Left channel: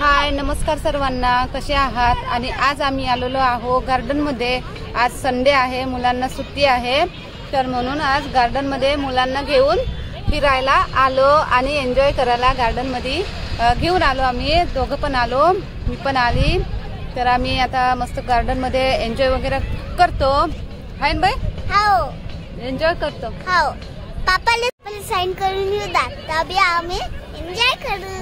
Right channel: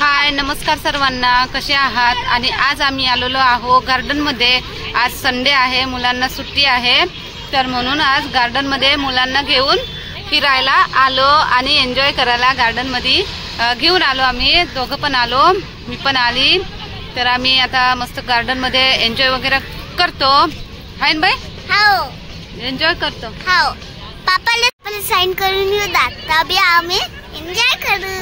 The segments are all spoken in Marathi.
हाय, नमस्कार सर्वांना, कसे आहात? आणि आज आम्ही आलेलो आहो गार्डन मध्ये। आज संडे आहे, मुलांना सुट्टी आहे, तर म्हणून आज गार्डन मध्ये मुलांना घेऊन फिरायला आलो आणि एन्जॉय करायला गार्डन मध्ये घेऊन आलो। आम्ही दोघं पण आलो, मी पण आली, तर आम्ही आता मस्त गार्डन मध्ये एन्जॉय वगैरे करतो। हाय ना बाई? हो, एन्जॉय करतो। हो, पापाला पण साइन करून येऊ दात, तभी आम्ही एन्जॉय करू।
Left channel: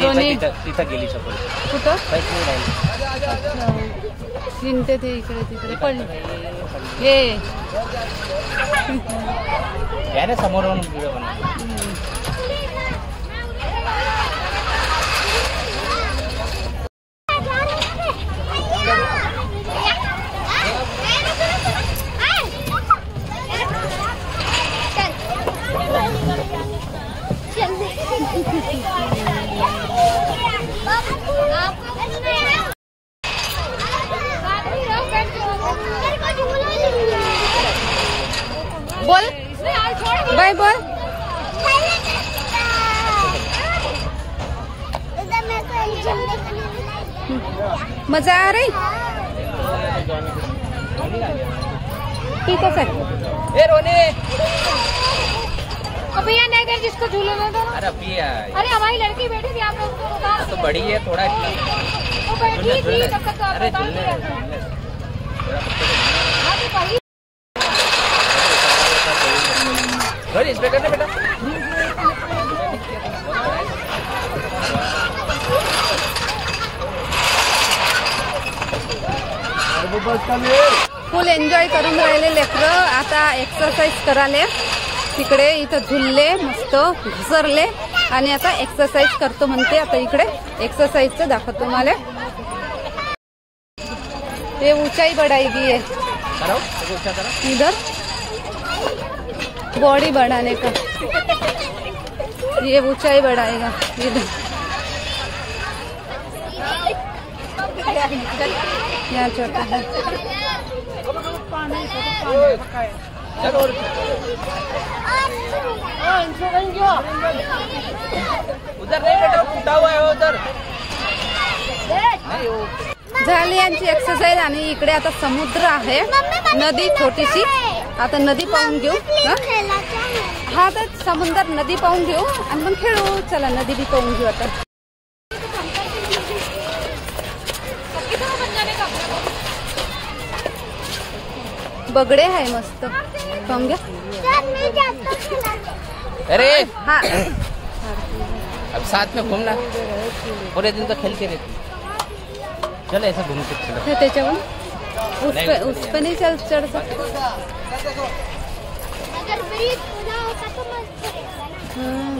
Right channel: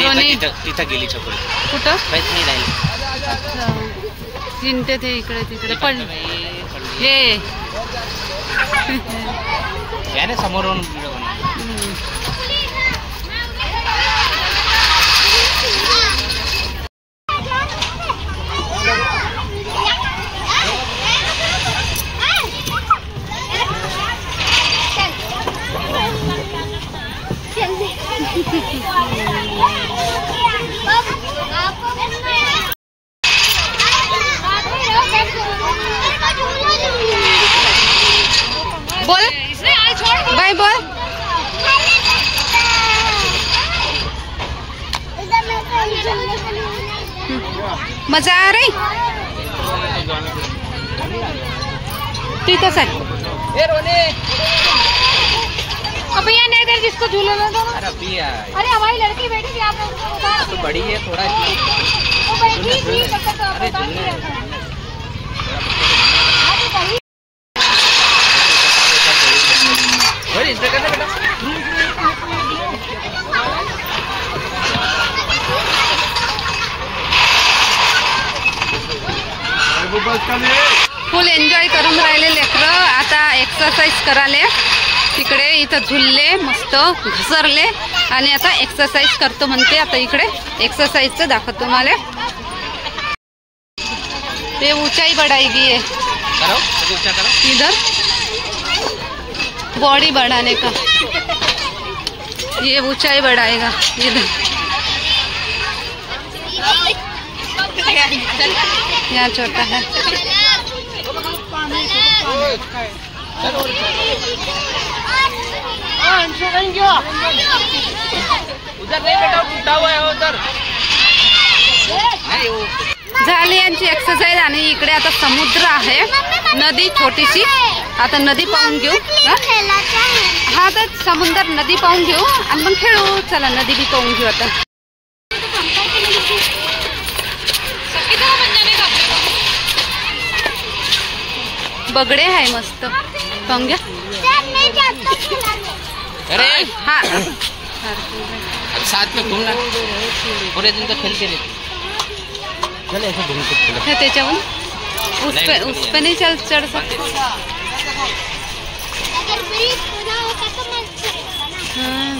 रोनी तिथं गेली चपल कुठं माहित नाही राहिली। अच्छा, हिंडते ते इकडे तिकडे पण हे याने समोरून व्हिडिओ बनव। बोल बाय बोल। मजा आ रही? ठीक है। ए रोने, अब भैया नहीं दे जिसको झूले में दो। अरे भैया, अरे हमारी लड़की बैठी थी, आप लोगों को बता रहे तो बड़ी है थोड़ा इतना। वो बैठी थी तब तक आप अरे बता झूलने दिया था। थोड़ा बच्चे को हाँ तो वही बोल इसमें कैसे बेटा। फुल एन्जॉय करून राहिले लेकरं। आता एक्सरसाइज कराले, तिकडे इथं झुलले, मस्त घसरले आणि आता एक्सरसाइज करतो म्हणते। आता इकडे एक्सरसाइजचं दाखवतो तुम्हाला। ये ऊंचाई बढ़ाएगी, ये करो ऊंचा करो, इधर बॉडी बढ़ाने का, ये ऊंचाई बढ़ाएगा इधर। यहाँ छोटा है। चलो उधर नहीं बेटा, टूटा हुआ है उधर नहीं वो। झाली यांची एक्सरसाइज आणि इकडे आता समुद्र आहे, नदी छोटीशी। आता नदी पाहून घेऊ। हा तर समुद्र नदी पाहून घेऊ आणि मग खेळू। चला नदी बी पाहून घेऊ आता। बगडे आहे मस्त, पाहून घ्या। अरे हाँ अब साथ में घूमना, पूरे दिन तो खेलते रहते। चल ऐसे घूम के खेलो। है त्याच्याहून उस पे नहीं चढ़ सकते। अगर ब्रिज पूरा होता तो मस्त रहेगा ना। हाँ।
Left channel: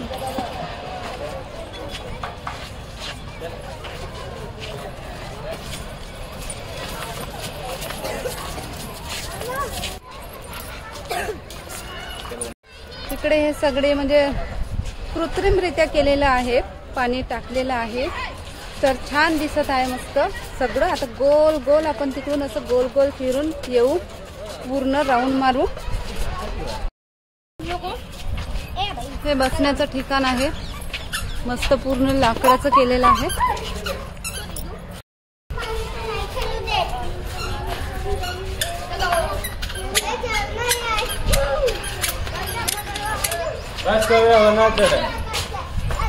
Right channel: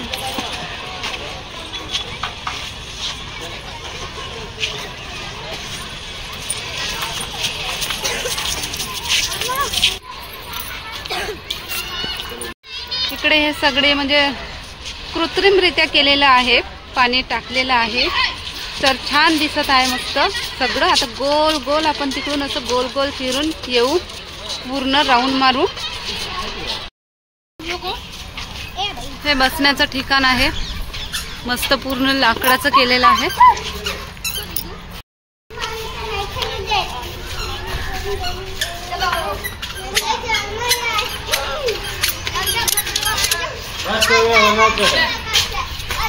इकडे हे सगळे म्हणजे कृत्रिमरित्या केलेलं आहे, पाणी टाकलेलं आहे, तर छान दिसत आहे मस्त सगळं। आता गोल गोल आपण तिकडून असं गोल गोल फिरून येऊ, पूर्ण राऊंड मारू। हे बसण्याचं ठिकाण आहे, मस्त पूर्ण लाकडाचं केलेलं आहे।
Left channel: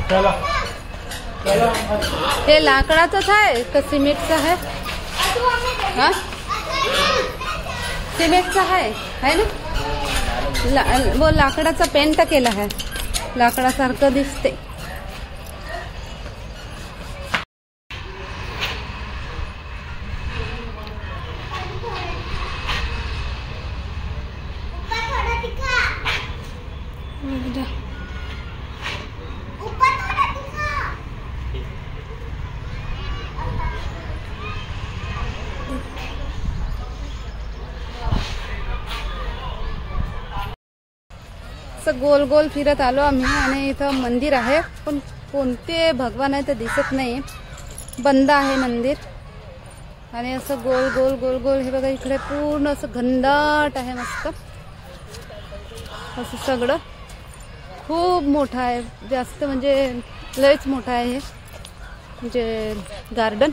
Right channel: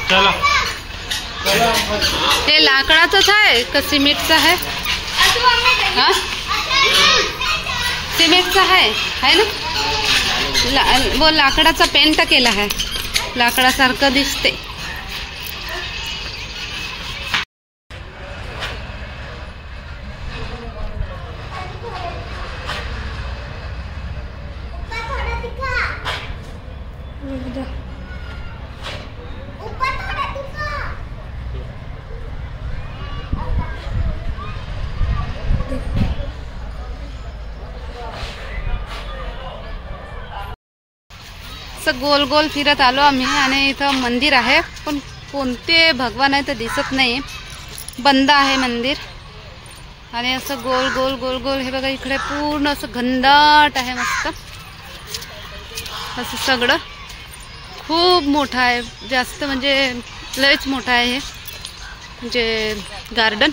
चलो हे लाकडाचंच आहे का सिमेंटचं आहे? हा सिमेंटचं आहे ना। वो लाकडाचा पेंट केला आहे, लाकडासारखं दिसते। असं गोल गोल फिरत आलो आम्ही आणि इथं मंदिर आहे, पण कोणते भगवान आहे तर दिसत नाही, बंद आहे मंदिर। आणि असं गोल गोल गोल गोल हे बघा, इकडे पूर्ण असं घनदाट आहे मस्त। असं सगळं खूप मोठं आहे, जास्त म्हणजे लयच मोठं आहे हे म्हणजे गार्डन.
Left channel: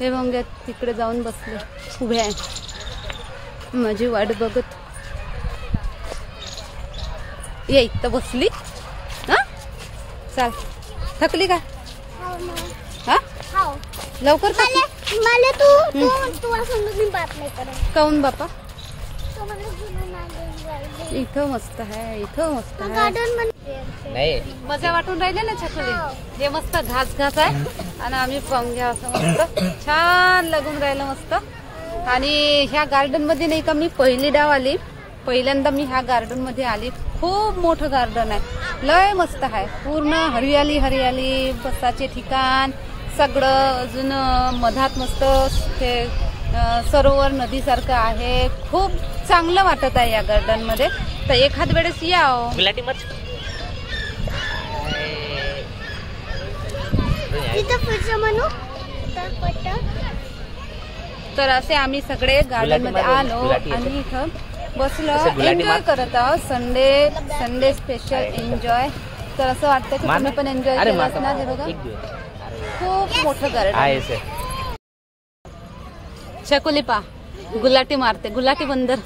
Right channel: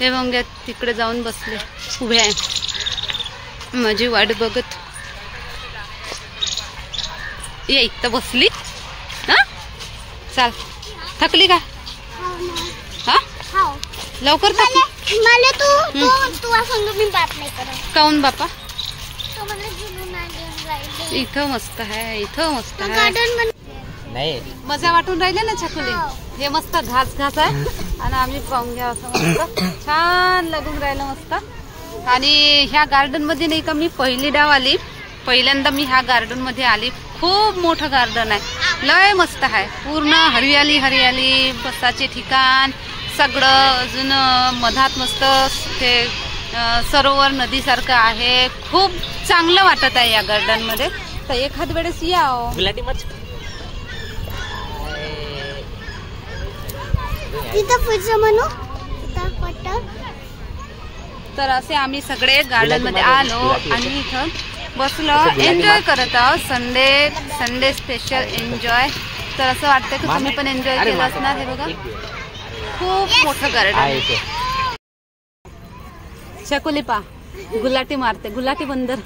हे मग तिकडे जाऊन बसले, उभे आहे माझी वाट बघत. ये इथं बसली ना, चाल. थकली का? हा लवकर थकली. मला तू सांग मी बात नाही करत. काऊन बापा? तो मला घेऊन आले. इथं मस्त आहे, इथं मस्त आहे, गार्डन नाही मजा वाटून राहिले ना छकुली. हे मस्त घास घास आहे आणि आम्ही पाहून घ्या असं मस्त छान लागून राहिलं मस्त. आणि ह्या गार्डन मध्ये नाही का मी पहिली डाव आली, पहिल्यांदा मी ह्या गार्डन मध्ये आली. खूप मोठं गार्डन आहे, लय मस्त आहे, पूर्ण हरियाली हरियाली, बसाचे ठिकाण सगळं. अजून मधात मस्त ते सरोवर नदीसारखं आहे. खूप चांगलं वाटत आहे या गार्डन मध्ये. तर एखाद वेळेस या. गुलाटी मच तर असे आम्ही सगळे गार्डन मध्ये आलो आणि इथं बसलो, एन्जॉय करत आहोत. Sunday special enjoy. तर असं वाटतं की तुम्ही पण एन्जॉय केलं असणार. हे बघा खूप मोठं गार्डन आहे. शकुली पा गुलाटी मारते, गुलाटी बंदर.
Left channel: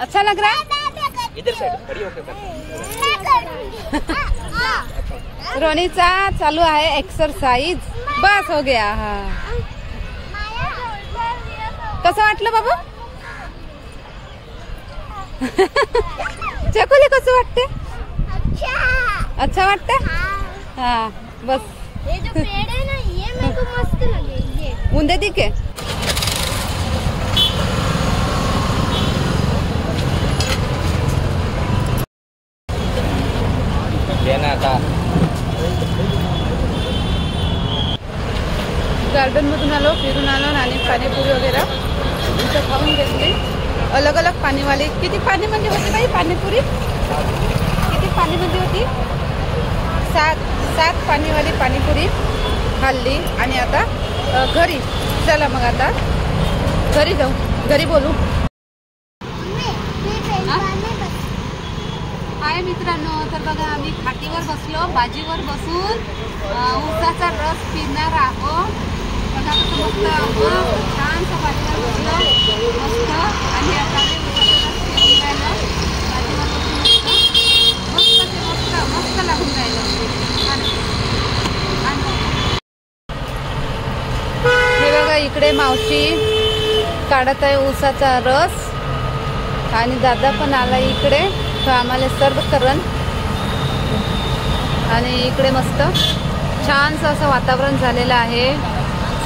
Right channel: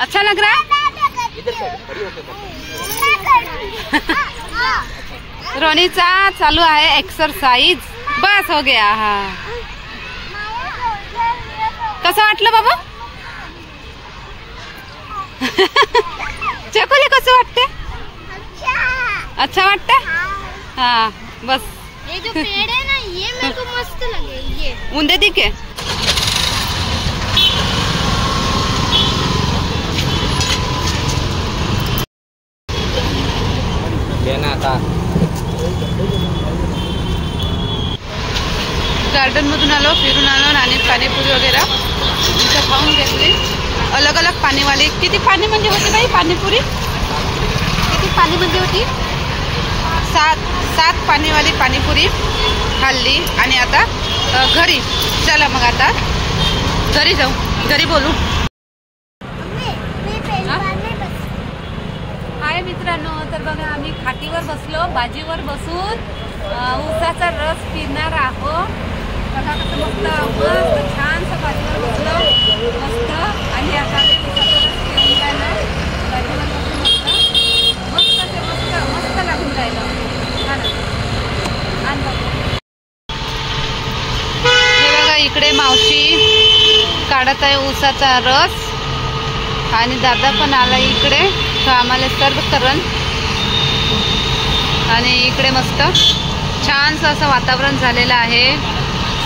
अच्छा लग रहा है. रोनीचा चालू आहे एक्सरसाइज. बस हो गया. हा कसं वाटलं बाबा? चकुली कसं वाटते? अच्छा वाटते. हाँ बस. ये जो पेड़ है ना, ये मेरे को मस्त लगे. ये उंदे दिखे. गार्डन मधून आलो, फिरून आलो आणि पाणीपुरी वगैरे इथं खाऊन घेतली. अलग अलग पाणीवाली. किती पाणी म्हणजे होती बाई पाणीपुरी? किती पाणी म्हणजे होती? 7 पाणीवाली पाणीपुरी खाल्ली. आणि आता घरी. चला मग आता घरी जाऊ, घरी बोलू. हाय मित्रांनो, तर बघा आम्ही खाटीवर बसलो, बाजीवर बसून ऊसाचा रस पिणार आहोत. बघा कसं मस्त मस्त छानसा बाजीवर बसलो मस्त. आणि आता आम्ही ऊसाचा रस पिऊन राहिलो बाजीवर बसून मस्त मस्त ते मस्त मस्त लागून राहिलं. हे बघा इकडे मावशी काढत आहे ऊसाचा रस आणि दादा पण आला इकडे, तो आम्हाला सर्व करण. आणि इकडे मस्त छानसं असं वातावरण झालेलं आहे.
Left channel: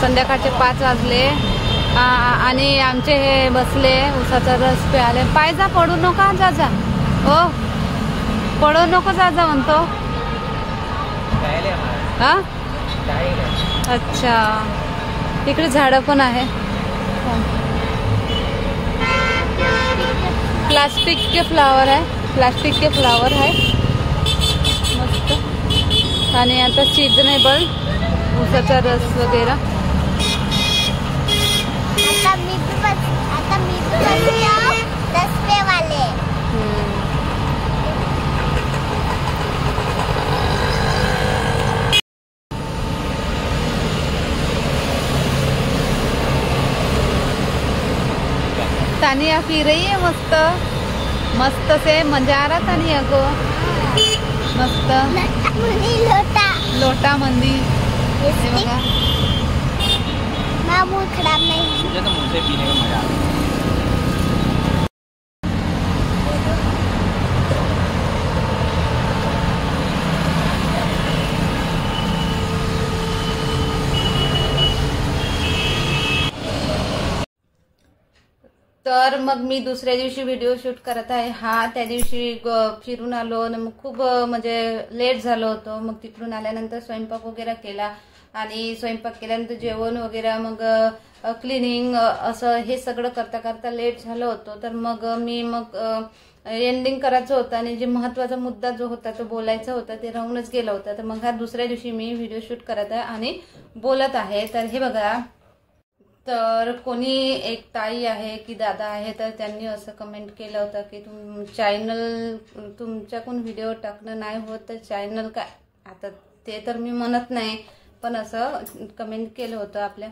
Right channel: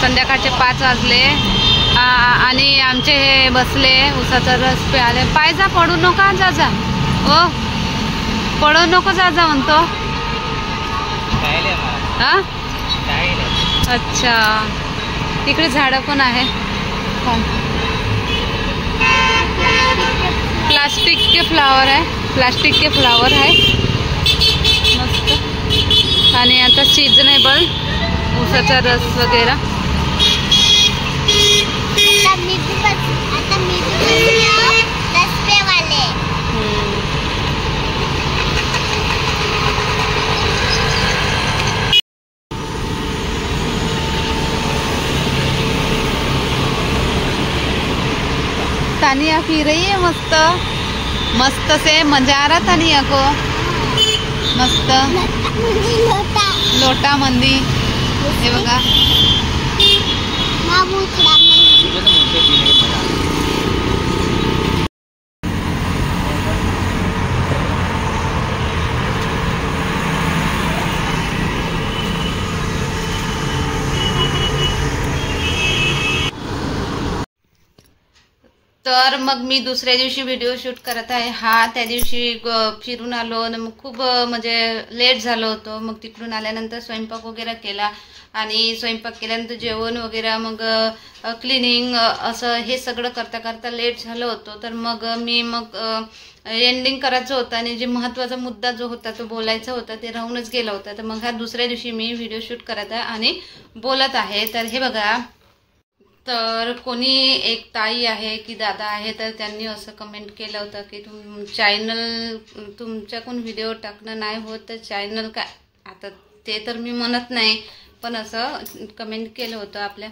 संध्याकाळचे 5 वाजले आणि आमचे हे बसले ऊसाचा रस प्याले. पाय जा, पडू नका, जा जा. ओ पडू नको, जा जा म्हणतो. हा अच्छा. इकडे झाडं पण आहे. प्लास्टिक के फ्लावर है, प्लास्टिक के फ्लावर है मस्त. आणि आता सीजनेबल ऊसाचा रस वगैरे. आता मी भी 10 रुपये वाले. तानिया पी रही है मस्त मस्त से. मजा आ रहा तानिया को मस्त. लोटा मंदी. हे बघा खराब नाही. तर मग मी दुसऱ्या दिवशी व्हिडिओ शूट करत आहे. हा त्या दिवशी फिरून आलो आणि मग खूप म्हणजे लेट झालं होतं. मग तिकडून आल्यानंतर स्वयंपाक वगैरे केला आणि स्वयंपाक केल्यानंतर जेवण वगैरे मग क्लिनिंग असं हे सगळं करता करता लेट झालं होतं. तर मग मी एंडिंग करायचं होतं आणि जे महत्त्वाचा मुद्दा जो होता तो बोलायचा होता ते राहूनच गेला होता. तर मग हा दुसऱ्या दिवशी मी व्हिडिओ शूट करत आहे आणि बोलत आहे. तर हे बघा, तर कोणी एक ताई आहे की दादा आहे तर त्यांनी असं कमेंट केलं होतं की चॅनल तुमच्याकडून व्हिडिओ टाकणं नाही होत तर चॅनल काय, आता ते तर मी म्हणत नाही पण असं कमेंट केलं होतं आपल्या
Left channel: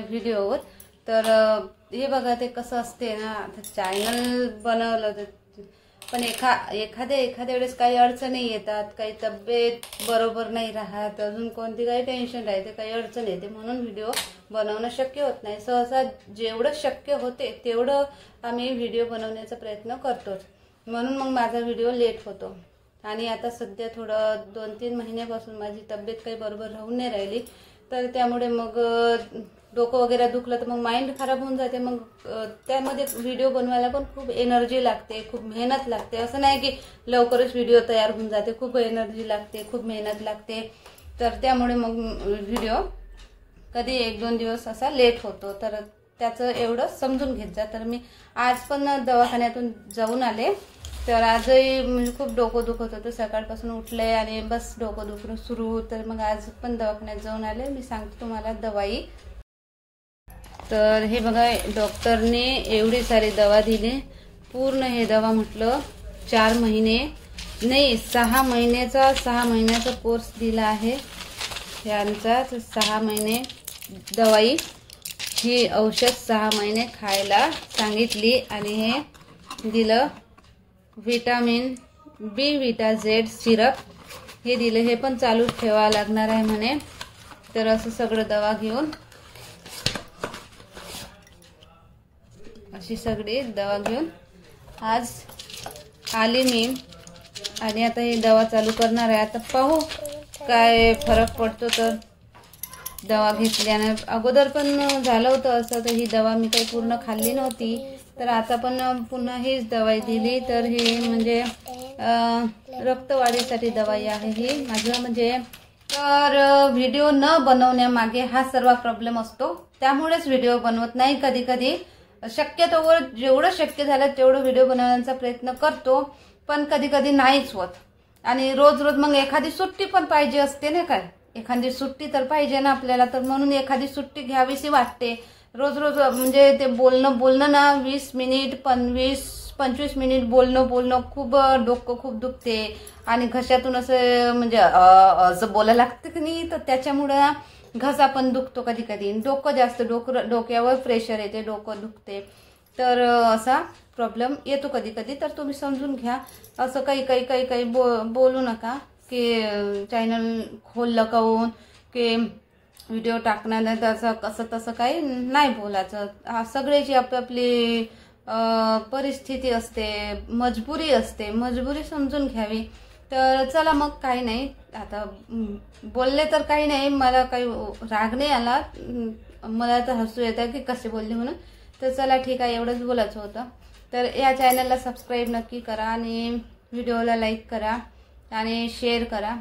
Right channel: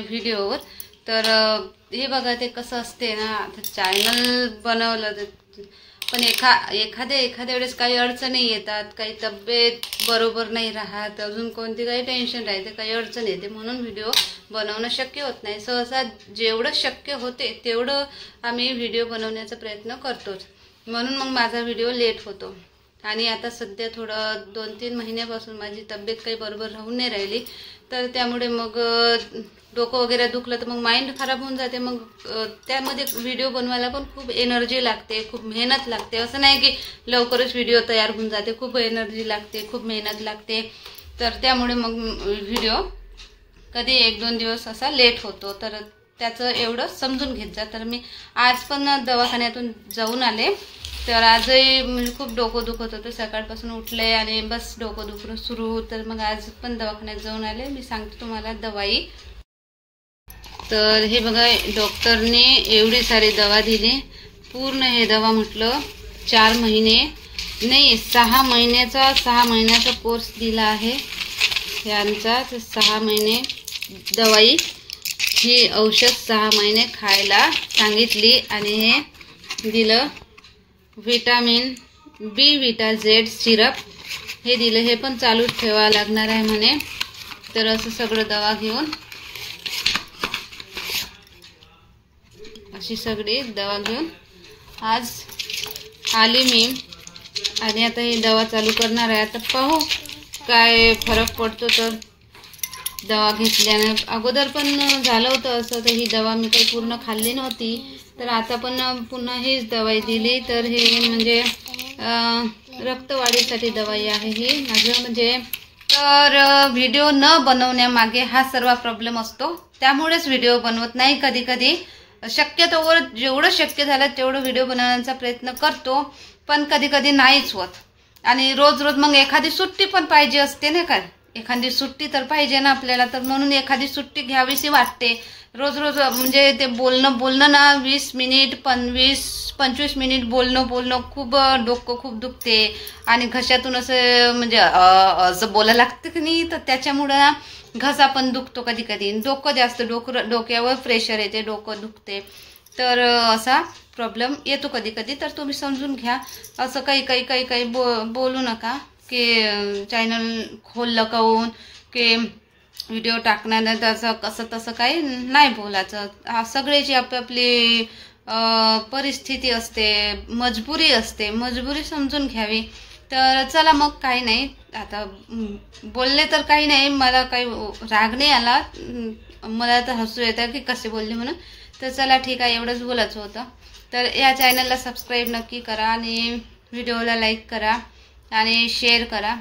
व्हिडिओवर. तर हे बघा ते कसं असते ना, आता चॅनल बनवलं पण एखाद्या वेळेस काही अडचणी येतात, काही तब्येत बरोबर नाही राहत, अजून कोणती काही टेन्शन राहते, काही अडचण येते, म्हणून व्हिडिओ बनवणं शक्य होत नाही. सहसा जेवढं शक्य होते तेवढं आम्ही व्हिडिओ बनवण्याचा प्रयत्न करतोच, म्हणून मग माझा व्हिडिओ लेट होतो. आणि आता सध्या थोडं 2-3 महिन्यापासून माझी तब्येत काही बरोबर राहून नाही राहिली, तर त्यामुळे मग डोकं वगैरे दुखलं तर मग माइंड खराब होऊन जाते. मग त्यामध्ये व्हिडिओ बनवायला पण खूप एनर्जी लागते, खूप मेहनत लागते. असं नाही की लवकरच व्हिडिओ तयार होऊन जाते, खूप एनर्जी लागते, खूप मेहनत लागते. तर त्यामुळे मग व्हिडिओ कधी 1-2 दिवस असा लेट होतो. तर त्याचं एवढं समजून घेत जा. तर मी आज पण दवाखान्यातून जाऊन आले. तर आजही म्हणजे खूप डोकं दुखत होतं, सकाळपासून उठले आणि बस डोकं दुखणं सुरू. तर मग आज पण दवाखान्यात जाऊन आले. मी सांगते तुम्हाला दवाई. तर हे बघा, डॉक्टरने एवढी सारी दवा दिली. पूर्ण हे दवा म्हटलं 4 महिने नाही 6 महिन्याचा कोर्स दिला आहे यांचा. तर 6 महिने दवाई, ही औषध 6 महिने खायला सांगितली. आणि हे दिलं विटामिन बी विटा झेड सिरप, हे दिलं. हे पण चालूच ठेवावं लागणार आहे म्हणे. तर असं सगळं दवा घेऊन, अशी सगळी दवा घेऊन आज आली मी. आणि आता ही दवा चालू करणार आहे. आता पाहू काय फरक पडतो. तर दवा घेतल्यानं अगोदर पण झालं होतं असं, तर ही दवा मी काही पूर्ण खाल्ली नव्हती. तर आता पण पुन्हा हीच दवाई दिली. तर ही म्हणजे रक्तवाढीसाठी दवाई आहे ही माझं म्हणजे. तर व्हिडिओ न बनवण्यामागे हा सर्व प्रॉब्लेम असतो, त्यामुळेच व्हिडिओ बनवत नाही. कधी शक्यतोवर जेवढं शक्य झालं तेवढं व्हिडिओ बनवण्याचा प्रयत्न करतो, पण कधी नाहीच होत. आणि रोज मग एखादी सुट्टी पण पाहिजे असते ना, काय एखादी सुट्टी तर पाहिजे ना आपल्याला. तर म्हणून एखादी सुट्टी घ्यावीशी वाटते. रोज म्हणजे ते बोलणं ना 20 मिनिट 25 मिनिट बोलणं खूप डोकं खूप दुखते आणि घशातून असं म्हणजे असं बोलायला लागतं की नाही. तर त्याच्यामुळं घसा पण दुखतो कधी. डोकं जास्त डोक्यावर प्रेशर येते, डोकं दुखते. तर असा प्रॉब्लेम येतो कधी. तर तुम्ही समजून घ्या. असं काही बोलू नका की चॅनल खोललं काहून की व्हिडिओ टाकणार नाही, तसं तसं काही नाही बोलायचं. सगळ्याची आपली परिस्थिती असते, मजबुरी असते, मजबुरी समजून घ्यावी. तर चला मग काही नाही, आता बोलले तर काही नाही, मला काही राग नाही आला, मला तर हसू येतं की कसे बोलले म्हणून. तर चला ठीक आहे, एवढंच बोलायचं होतं. तर या चॅनलला सबस्क्राईब नक्की करा आणि व्हिडिओला लाईक करा आणि शेअर करा.